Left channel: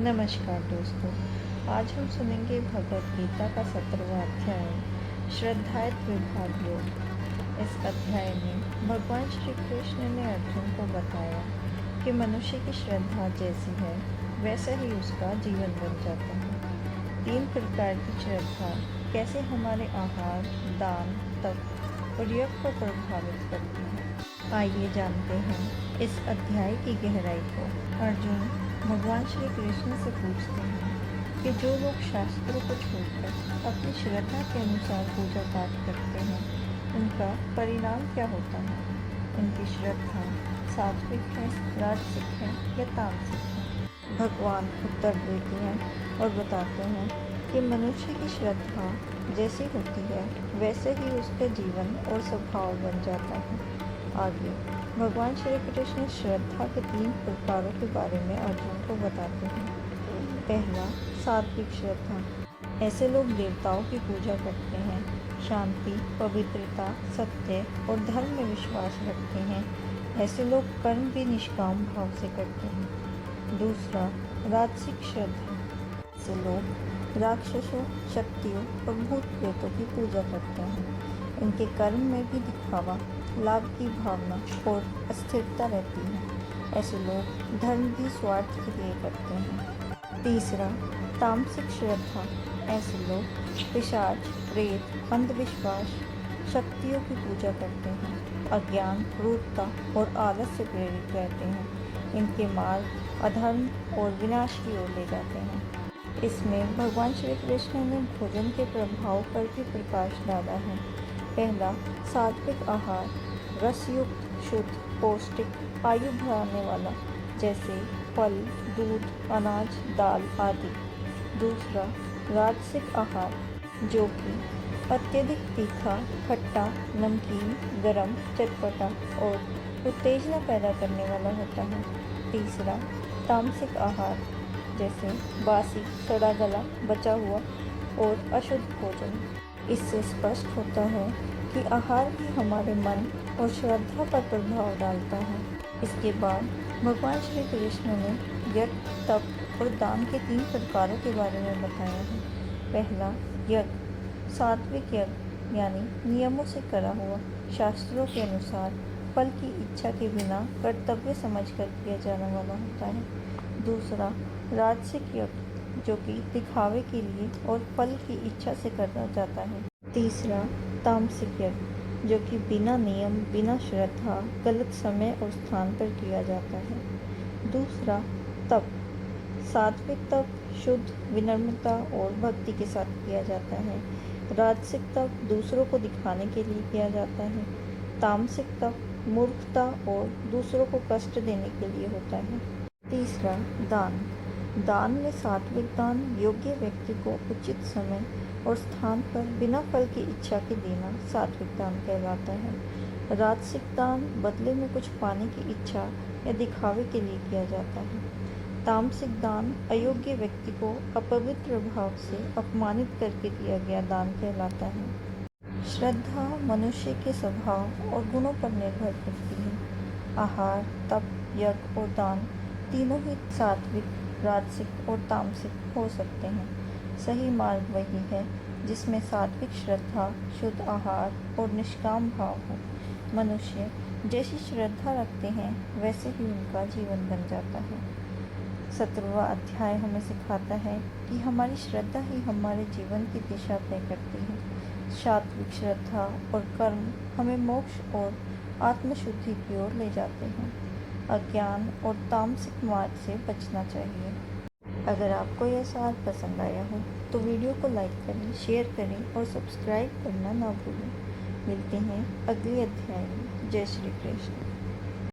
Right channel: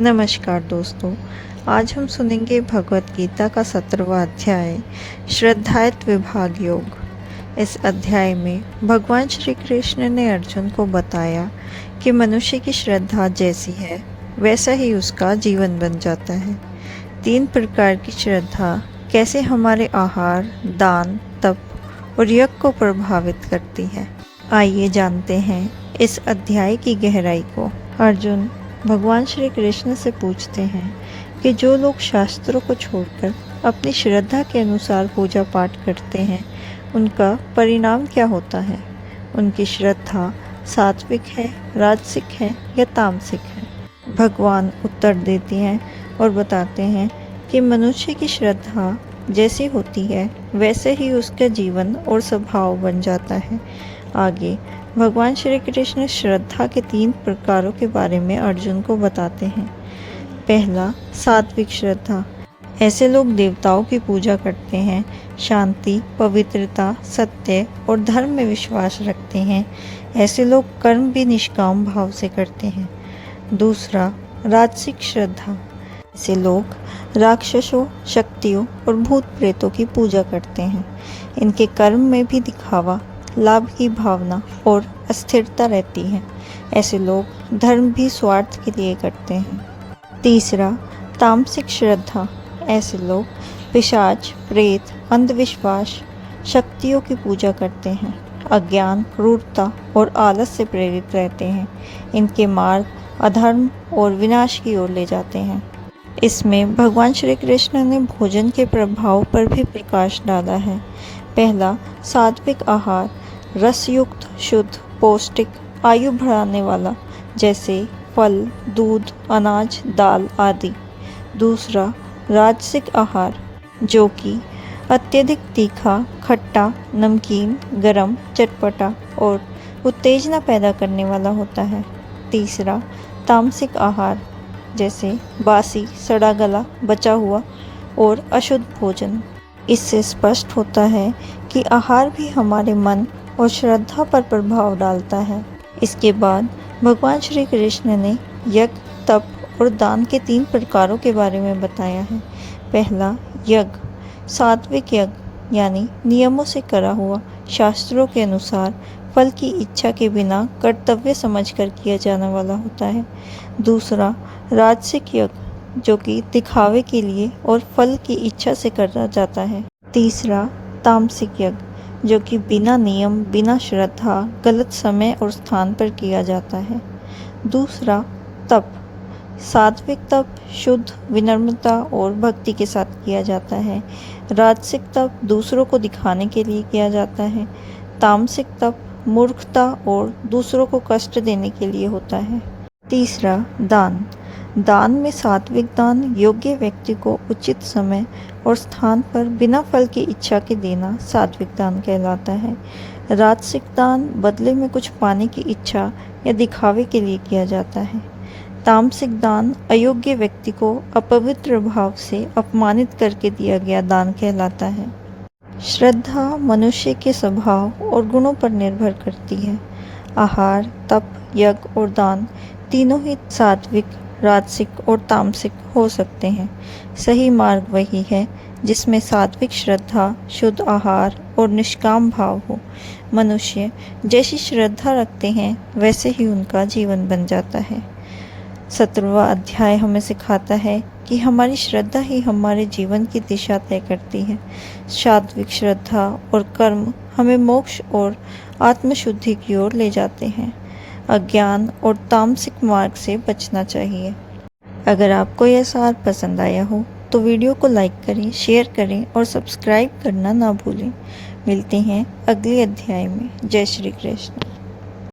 नमस्कार दोस्तों। आज हम सुनेंगे भगवत गीता का 17वां अध्याय श्रद्धायत विभाग योग। इस अध्याय में भगवान श्री कृष्ण ने अर्जुन को बताया कि मनुष्य की श्रद्धा जैसी है वैसा ही उसका जीवन बन जाता है। 3 प्रकार की श्रद्धा कैसे हमारे आहार, दान, तप और यज्ञ को प्रभावित करती है। आइए जानते हैं इस अध्याय की गहराई को। अर्जुन भगवान श्री कृष्ण से पूछते हैं कि जो लोग शास्त्रों को छोड़कर अपनी श्रद्धा के अनुसार पूजा पाठ करते हैं उनका परिणाम क्या होता है। उनकी श्रद्धा सात्विक है, राजसिक है या तामसिक है। भगवान उत्तर देते हैं और बताते हैं कि मनुष्य की श्रद्धा जैसी होती है वैसे ही उसका जीवन और स्वभाव बन जाता है। आगे भगवान श्री कृष्ण श्रद्धा के 3 प्रकारों के बारे में अर्जुन को बताते हैं। पहला, सात्विक श्रद्धा। ऐसे लोग देवताओं की पूजा करते हैं, शांति, पवित्रता, सत्य और धर्म में विश्वास रखते हैं। ऐसे लोग कर्म भी निष्काम भाव से करते हैं। दूसरा, राजसिक श्रद्धा। ऐसे लोग राक्षसों, शक्तियों और भूत प्रेतों की पूजा करते हैं। इनके कर्म में भी दिखावा, लाभ की भावना और अस्थिरता रहती है। ऐसे लोग धर्म भी स्वार्थ के लिए करते हैं। तीसरा, तामसिक श्रद्धा। ऐसे लोग पिशाच, प्रेत, अंधविश्वास, शक्तियों की पूजा करते हैं। अज्ञान, क्रूरता और आलस से प्रेरित रहते हैं। इनके मार्ग अधर्म और विनाश की ओर ले जाते हैं। इसमें भगवान श्री कृष्ण ने भोजन के प्रभाव पर भी प्रकाश डाला है। पहला, सात्विक आहार। रसयुक्त, शुद्ध, पौष्टिक, आयु बढ़ाने वाला, जैसे फल, दूध, अनाज, दाल आदि। दूसरा, राजसिक आहार, जो कि अत्यधिक तीखा, खट्टा, नमकीन, गरम, चटपटा और उत्तेजना पैदा करने वाला होता है। तीसरा, तामसिक आहार, जैसे बासी, सड़ा गला, बचा हुआ और अशुद्ध भोजन। इससे स्पष्ट होता है कि आहार भी हमारे मन और श्रद्धा पर प्रभाव डालता है। इसके बाद भगवान श्री कृष्ण ने यज्ञ, तप और दान के 3 प्रकारों के बारे में बताया है। पहला, यज्ञ। सात्विक यज्ञ यानी नियमों से करा हुआ, शास्त्रों के अनुसार फल की इच्छा के बिना कर्तव्य समझकर किया जाने वाला होता है। दूसरा, राजसिक यज्ञ, जो कि दिखावे के लिए और फल की इच्छा से करा जाता है। तीसरा, तामसिक यज्ञ, जो कि बिना नियम, बिना श्रद्धा, गलत समय और स्थान पर किया जाता है। दूसरा, तप। सात्विक तप शुद्ध, विनम्रता और भक्ति के साथ किया जाता है। राजसिक तप दूसरों को दिखाने के लिए किया जाता है। तामसिक तप मूर्खता और दूसरों को कष्ट देने के लिए होता है। तीसरा, दान। दान में सात्विक दान योग्य व्यक्ति को उचित समय और स्थान पर बिना फल की इच्छा के देना सात्विक दान कहलाता है। राजसिक दान बदले में कुछ पाने की इच्छा या दिखावे के लिए किया जाता है। तामसिक दान अयोग्य व्यक्ति को अपवित्र भाव से अपमानित करके दिया गया दान कहलाता है। श्रद्धा मनुष्य के स्वभाव और गुणों पर निर्भर करती है। आहार, तप, यज्ञ और दान तीनों ही सात्विक, राजसिक और तामसिक हो सकते हैं। सही मार्ग वही है जिसमें सात्विक श्रद्धा, शुद्ध आहार और निष्काम भाव हो। मनुष्य जैसी श्रद्धा रखते हैं वैसे ही उनका जीवन बन जाता है। 17वां अध्याय हमें सिखाता है कि हमारी श्रद्धा ही हमारे जीवन की दिशा तय करती है। सात्विक श्रद्धा और कर्म हमें मोक्ष और आत्मशुद्धि की ओर ले जाते हैं। अज्ञान और तामसिक मार्ग से बचना चाहिए। अगर आपको यह सार पसंद आया हो तो वीडियो को लाइक करें, शेयर करें और सब्सक्राइब करना ना भूलें। मिलते हैं अगले अध्याय में। जय श्री कृष्ण।